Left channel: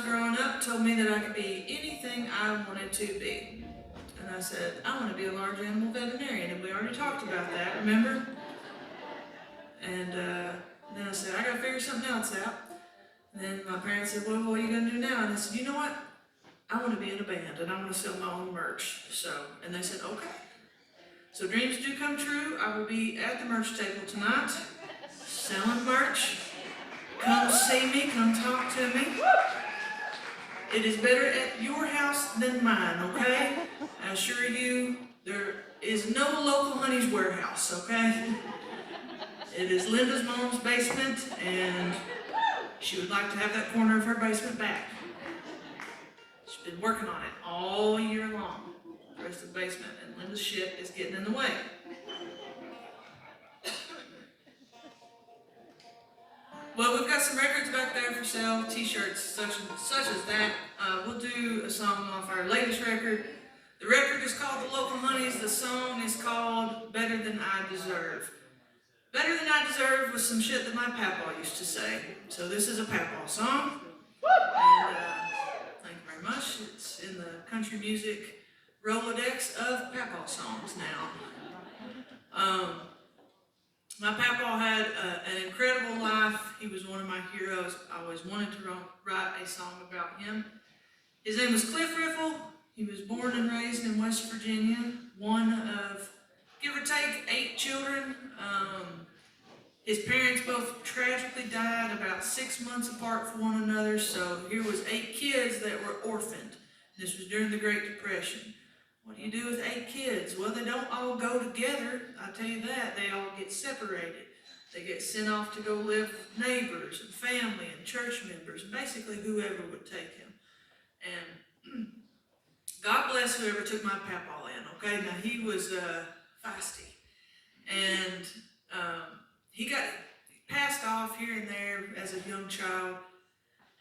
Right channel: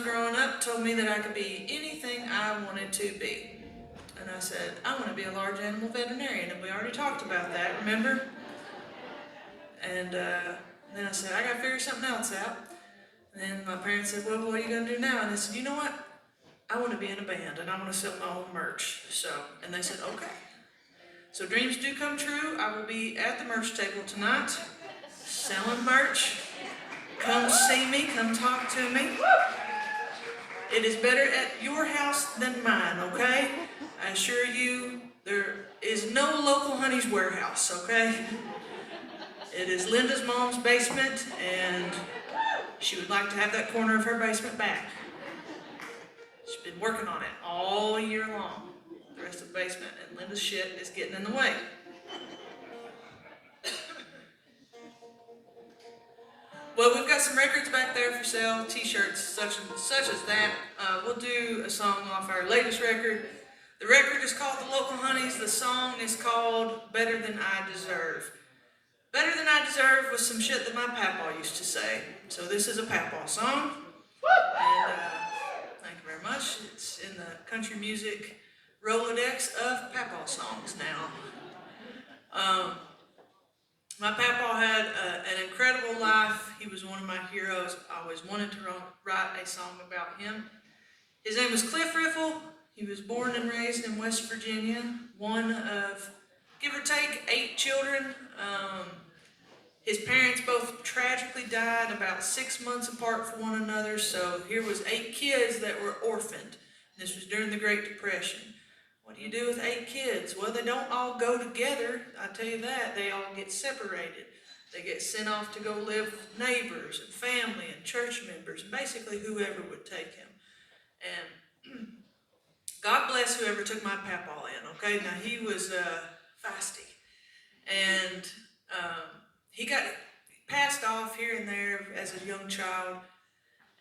was growing up told me that I could be anything I wanted to be. And I said, I want to be a large animal veterinarian, and we already talked about that, remember? And then I said, I got to figure something else out. And then my parents said, well, what are you going to do now? And I said, you know what? I want to be in a band, and I want to sell my own merch. And they said, okay. So dreams do come true. I will be at the merch table tonight, selling merch. Come see me, come talk to me. It is better at your house than mine, okay? I assure you, there is no local Honey's warehouse, okay? It is Linda's mom's basement, and she would like to have that corner of her basement back. She's been working on it all year long, the rest of the basement, and Linda's shit is getting in the way. Well, we've got some records back there for sale, t-shirts, such as that. We'll do a song off our latest record. The record is called The Local Honeys. The song is called Better Than I Deserve. Better Than I Deserve was some shit that my papa used to say. So this is a papa song. And thank you very much. It's in the country music Rolodex of papa songs now. My papa had an incredible life. He was one of my heroes. I always wanted to write a song about him. His name was Cliff Riffle. He was born and raised in West Virginia, one of, give or take, 8 children. His parents both tragically died about 6 months apart from one another, so here was 8 kids that were orphaned. This was during the Great Depression. What do you do with 8 kids? Well, they don't all go together, I tell you that. They all get separated. They get sent off to go live with neighbors and family and church members, and basically whoever would take him. And God bless whoever took my papaw in, okay? Now, he was feisty. And he got passed off here and there as a young child,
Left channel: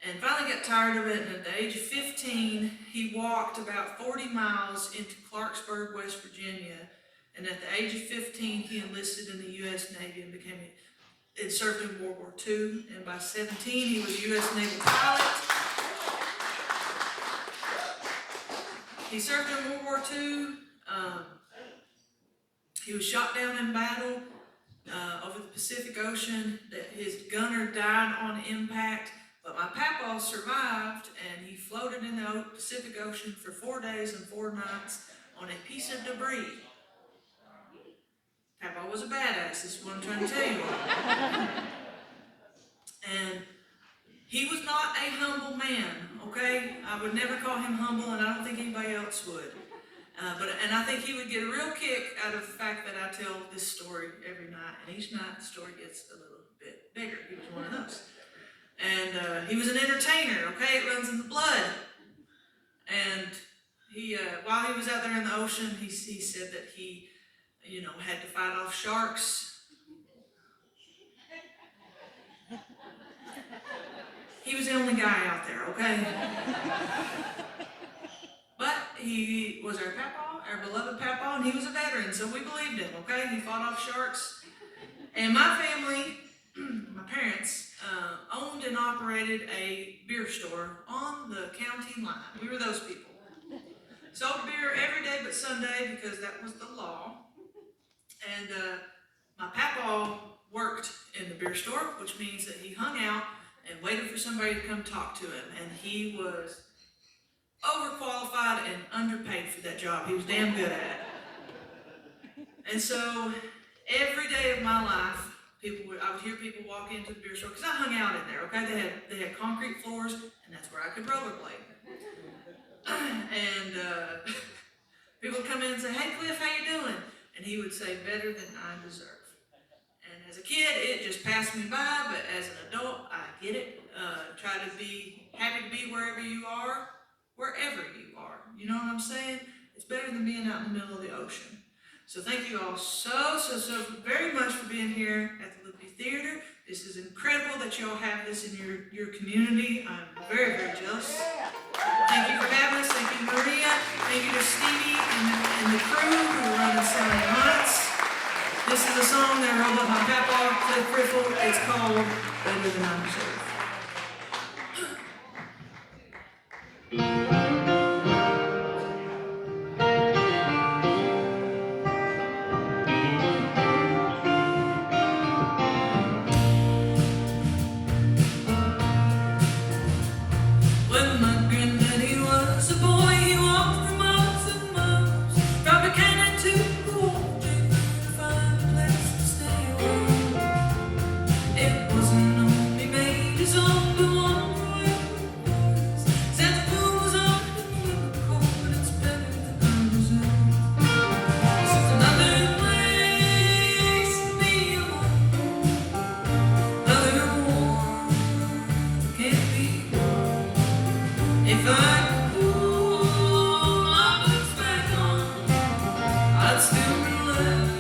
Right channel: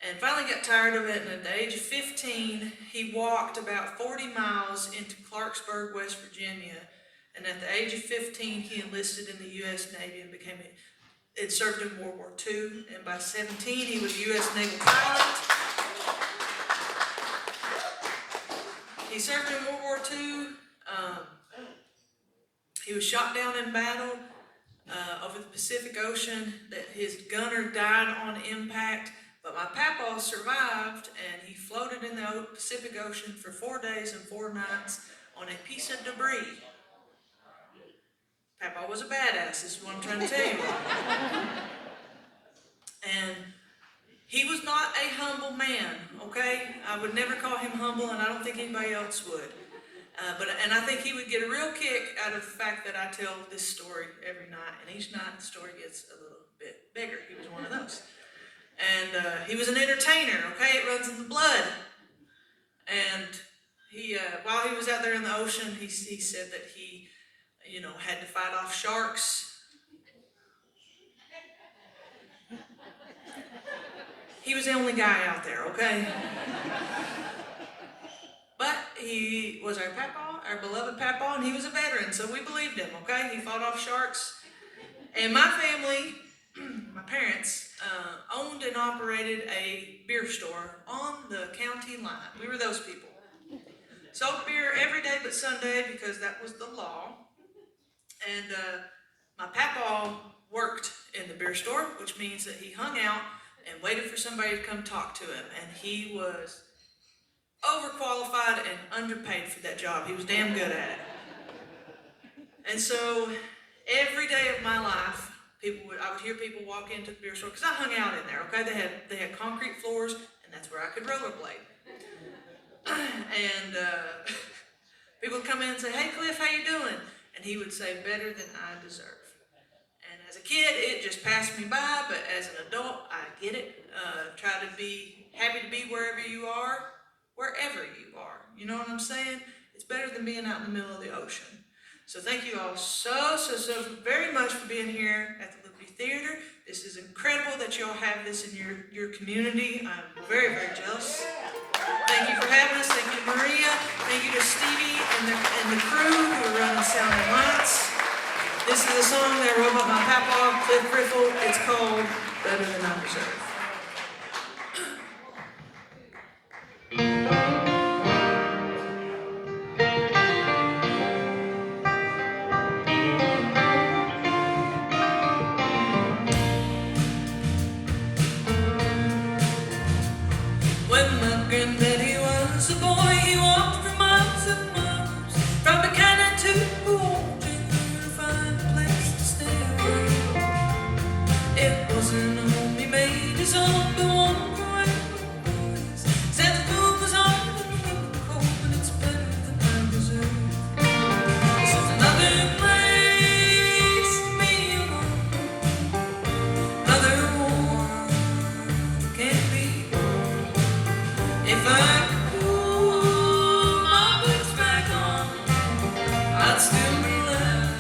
and finally got tired of it, and at the age of 15, he walked about 40 miles into Clarksburg, West Virginia, and at the age of 15, he enlisted in the U.S. Navy and served in World War II, and by 17, he was a U.S. Naval pilot. He served in World War II. He was shot down in battle over the Pacific Ocean. That his gunner died on impact. But my papa survived, and he floated in the Pacific Ocean for 4 days and 4 nights on a piece of debris. Papa was a badass, this is what I'm trying to tell you. And he was not a humble man, okay? I would never call him humble, and I don't think anybody else would. And I think he would get a real kick out of the fact that I tell this story every night, and each night the story gets a little bit bigger. He was one of those. And he was an entertainer, okay? It runs in the blood. And he, while he was out there in the ocean, he said that he, had to fight off sharks. He was the only guy out there, okay? But he was our papa, our beloved papa, and he was a veteran, so we believed him, okay? He fought off sharks. And my family, my parents, owned and operated a beer store on the county line. We were those people. Sold beer every day but Sunday because that was the law. And my papa worked in the beer store, which means that he hung out and waited for somebody to come talk to him. And he was overqualified and underpaid for that job. He was damn good at it. And so every day of my life, I would hear people walk into the beer store, because I hung out in there, okay? They had concrete floors, and that's where I could rollerblade. And people would come in and say, hey, Cliff, how you doing? And he would say, better than I deserve. And as a kid, it just passed me by, but as an adult, I get it. Try to be happy to be wherever you are. You know what I'm saying? It's better than being out in the middle of the ocean. So thank you all so very much for being here at the Liverty Theater. This is incredible that you all have this in your community. I'm very, very jealous. Thank you for having us. Thank you, Maria. Thank you to Stevie and the crew who run the sound and lights. This is a song that I wrote about my papa, Cliff Riffle. It's called Better Than I Deserve. If I could pull my boots back on, I'd still be left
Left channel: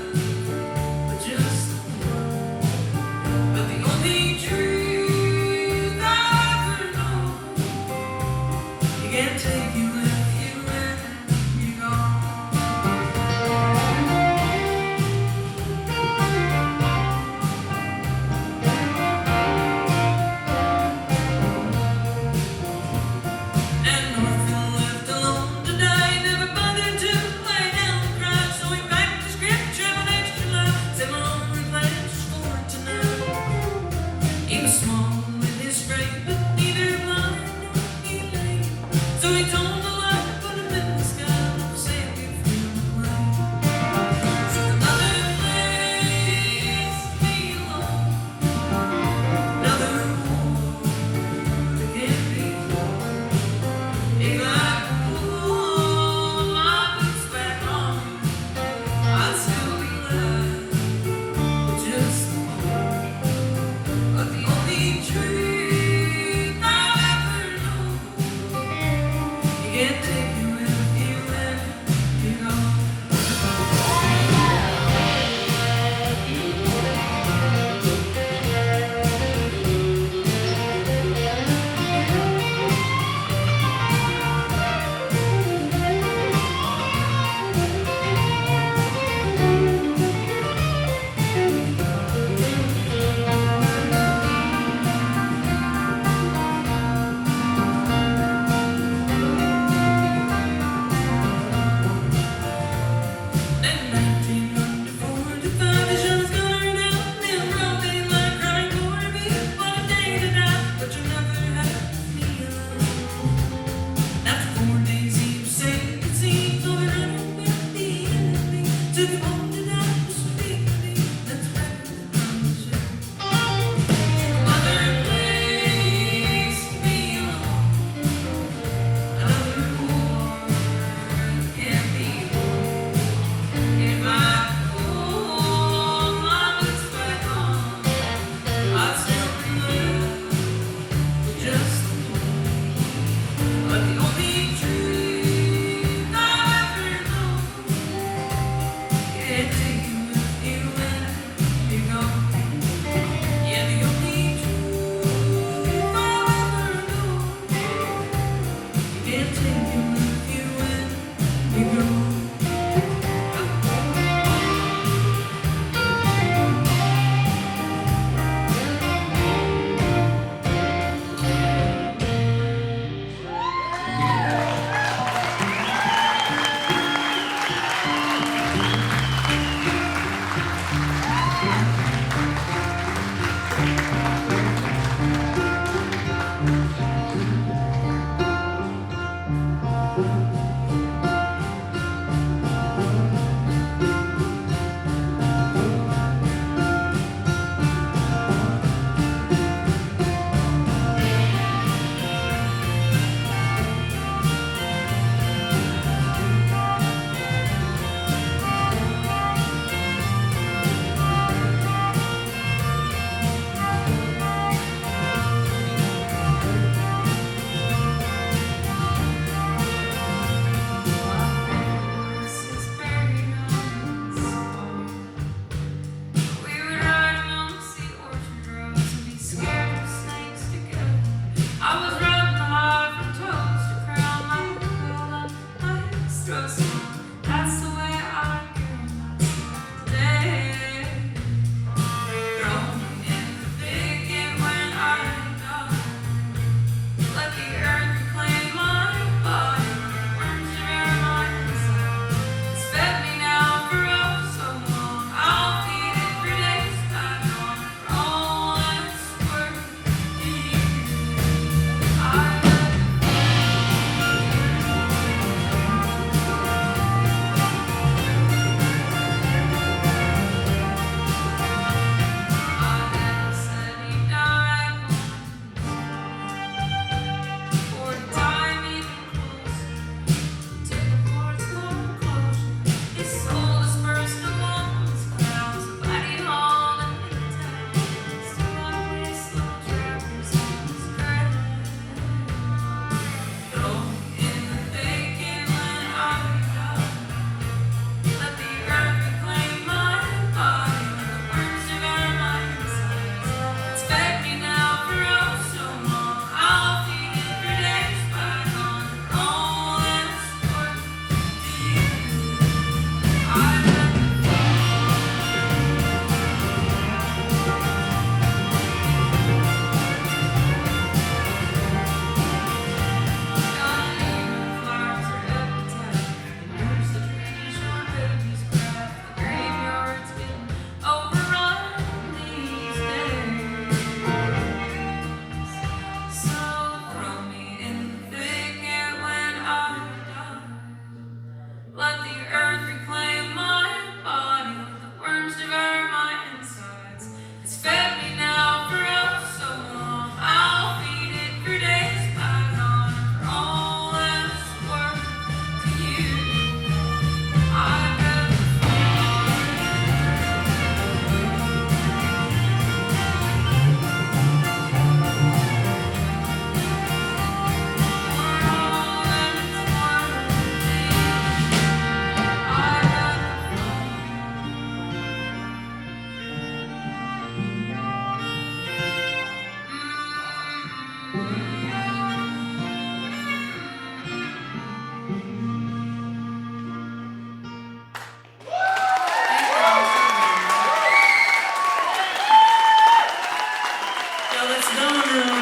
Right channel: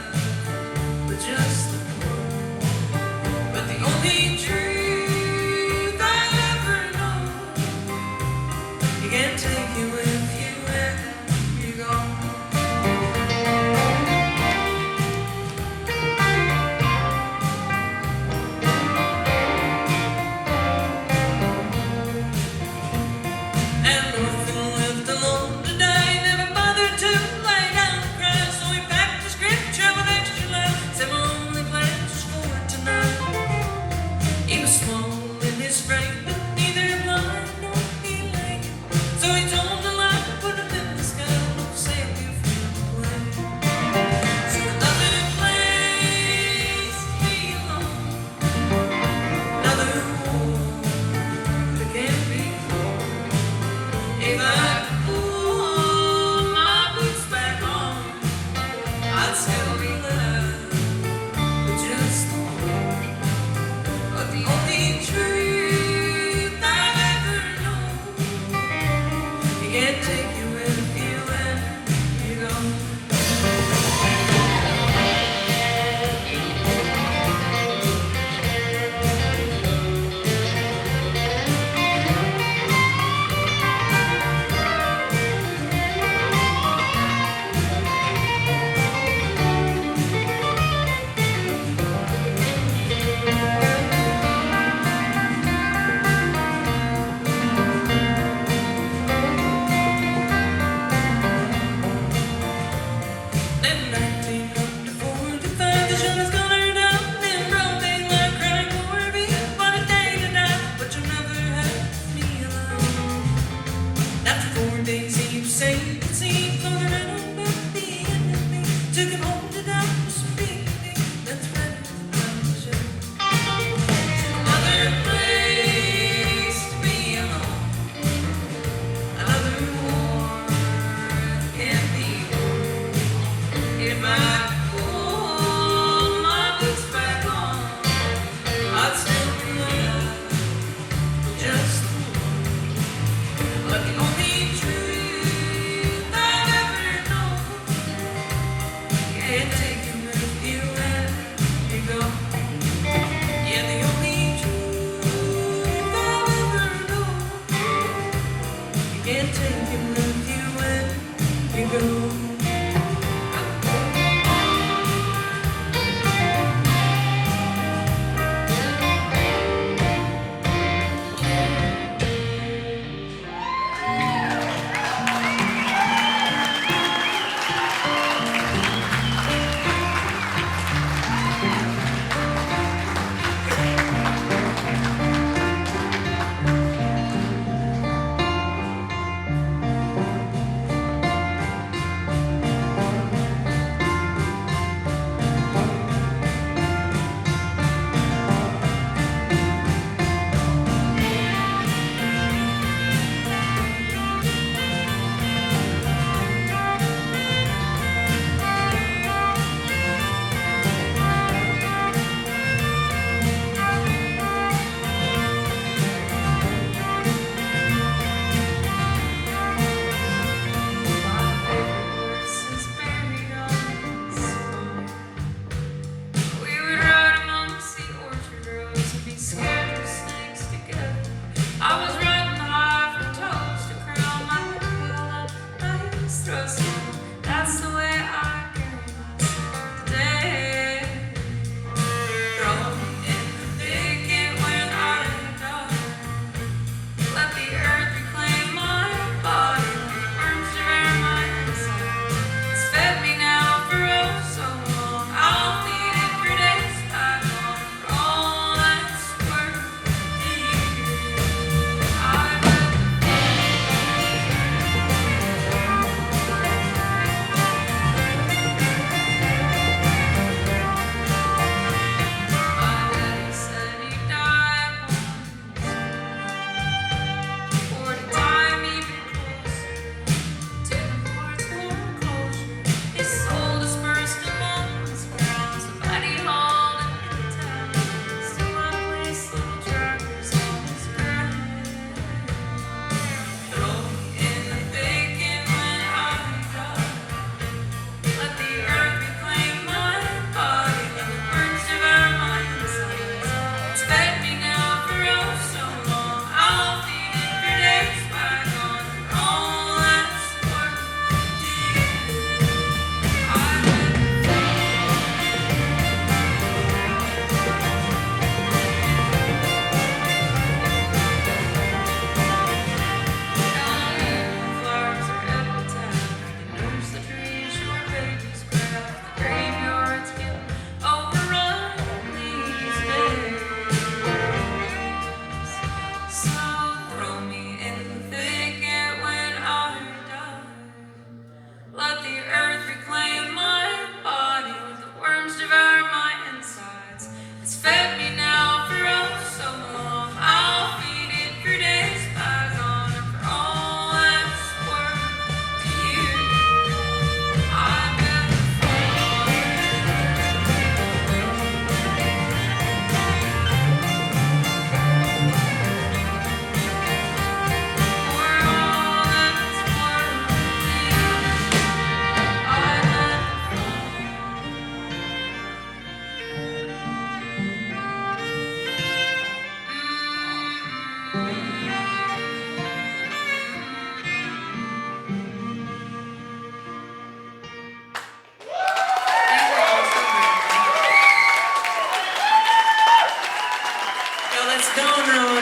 with just the one. But the only truth I ever know, you can't take it with you when you're gone. And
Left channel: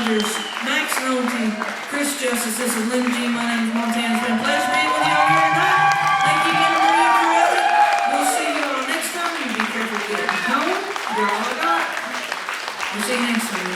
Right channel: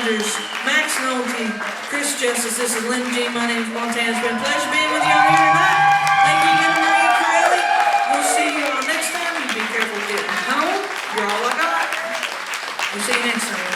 Rogers, Max Nolte, Chris Justice, this is Lynn G. My name is Montana. It's been a pleasure being with you all here tonight. Thank you again, Maria Corelli. We'll see you all next time. You be careful getting home. You're all I got. We'll see you next time.